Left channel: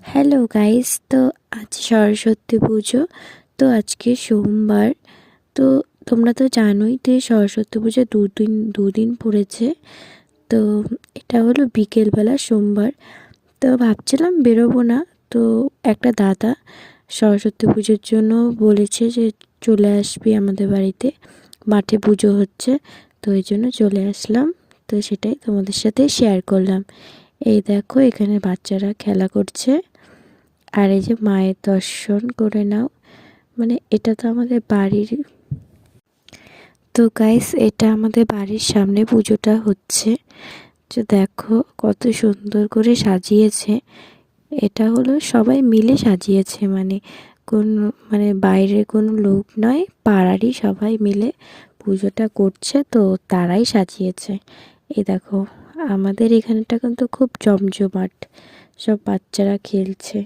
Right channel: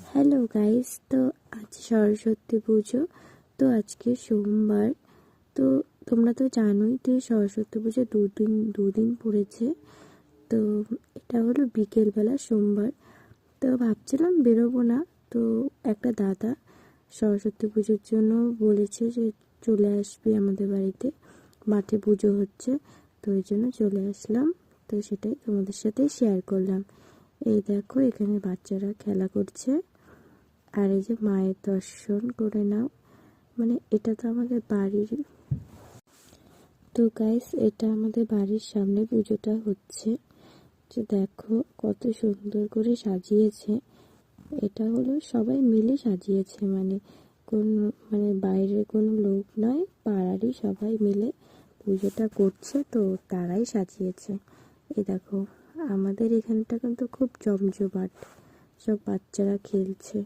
Hello guys, তো আজ সরস্বতী পুজো। তো আজকে সোমবার। তো তোমরা তো জানোই যে সরস্বতী পুজো দুদিন পড়েছে। তো এটা হলো বিকেলবেলা সোমবার। তো ভাবছিলাম বেরোবো না। তো একটা দাদা সরস্বতী পুজোর জন্য বলেছে যে চলে আসবি আমাদের বাড়িতে, মাঠে পুজো হচ্ছে। তো এই জন্য চলে আসলাম। তো সেটাই তোমাদের সাথে শেয়ার করলাম। এই দেখো, এখানে বাচ্চারা খেলা করছে। আর এই যে মায়ের দর্শন করে নাও, মানে এটা তো আমাদের বাড়ির। তো গাইস, এটা আমাদের বাড়ির সামনে পুজোটা হচ্ছে। যে দেখো কত সুন্দর করে সাজিয়েছে। এটা হলো সবাই মিলে সাজিয়েছে, মানে কোন মানে বাইরের কোনো লোক নয়, পাড়ারই সবাই মিলে পুজোটা করছে। তো তারাই সাজিয়েছে। এই দেখো, আমাদের এখানটা কিন্তু খুব জমজমাট, সব বাচ্চারা খেলছে।